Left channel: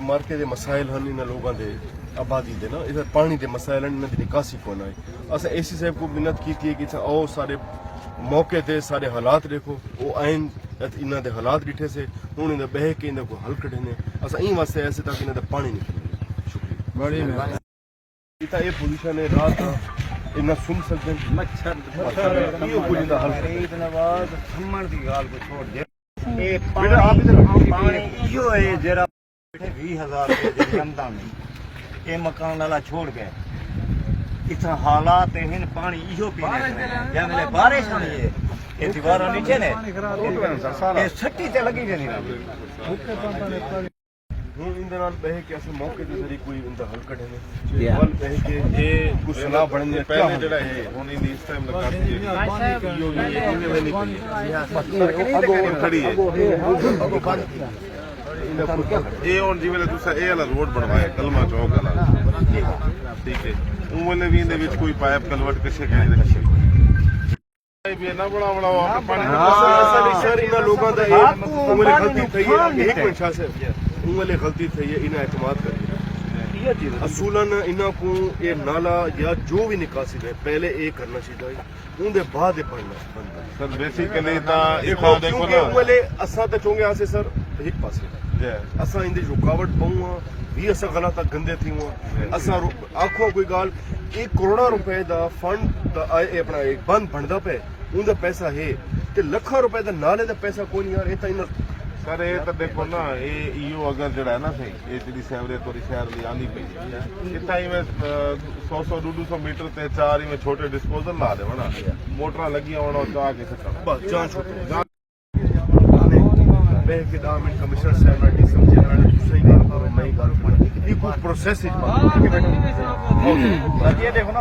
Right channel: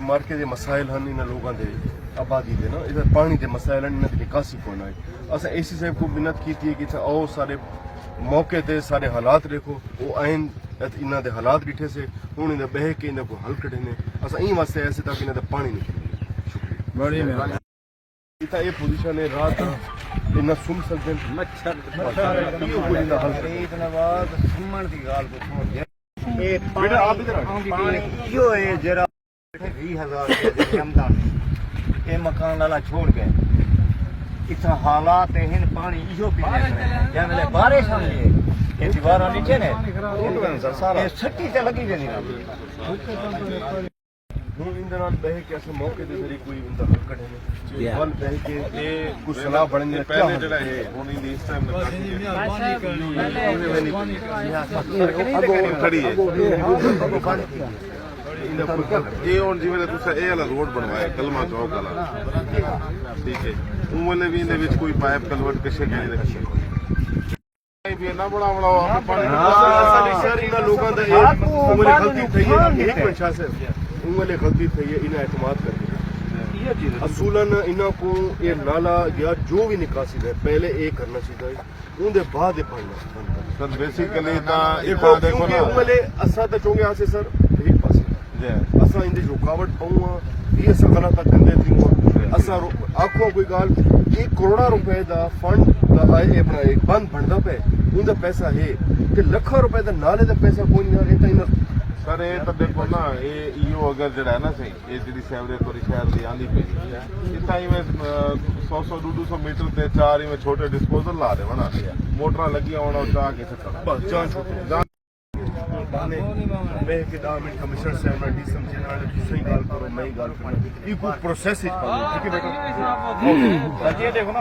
मार्के के मसाइल हैं इन लोगों के आबादी के ना इधर पानी के मसाइल हैं इन्होंने निकासी कोई है अस एसी साहब को मिन्नत की है कि आओ सारे मौके ते सारे हालात देखो वो आइन इन्हों के हालात डिठे से हूँ इन्हें बह के इन्हें को हल कढ़े ने अस ई वास्ते ऐसे ताकि इन्हें पानी निकले शुक्रिया ये पोजीशन है रात इन्ना सुन सकते हैं मच्छर यो कोई इन्दा हल इतना बाद सम्मन दी गाल को छोड़ दे ए पानी यो है जरा 20000 रुपए आमदनी ये मकान वाला छोड़ गए इतना हालात हैं पानी इहो पीने जब बारिश होनी है ये दीवार नीचे ने ये सट्टी ते लगी नहीं हूँ इन बह के ऐसे मौके ते जरी कोई इंदा हल कढ़े ने वल बह के ये कुछ सलाह बढ़ने क्या जड़ा है होनी दी इस टाइम खड़ी है ये हुन जिवें तुसा ए वाला रोड बनवाया कलमा चौक वाला ठीक है उन वाले भी इंदे विच कोई पाइप कलवट किसे गए ने भी ना बनावना सर इन लोगों दा एक गलती थई है एक मिनट से उन वाले गलती थई है इन्हें एतमाद कर असूलन इन्हों को ये नाला या जो भी निकासी है पहले ये करना चाहिए उनके बाद ये पढ़ना सर बेसिकली देखो ना वाले असा तो चोंगे आसे सर एक पासे असा इन रुकावट पाऊँ भी असा गलत गंदे थी असा आखो कोई गाल 1 करोड़ रुपए का फंड अपना एक बंद बनता पे उनका पैसा है ते लाखों रुपए का नाले का पैसा कोई नहीं यार ये सर ये तो देखो ना ये इो अगर जड़ा है ना सही ये जी सैवरेज वाली शहर की आंदी पी इतना ही में 100-200 मीटर ते 4 में छोटे डिस्पोजल ला दे ना मोटर लगी होना चाह के सकता कमिश्नर साहब ने समझे ना दूसरी गाल करो नई गाल ये कुछ प्रोसेस देखो ना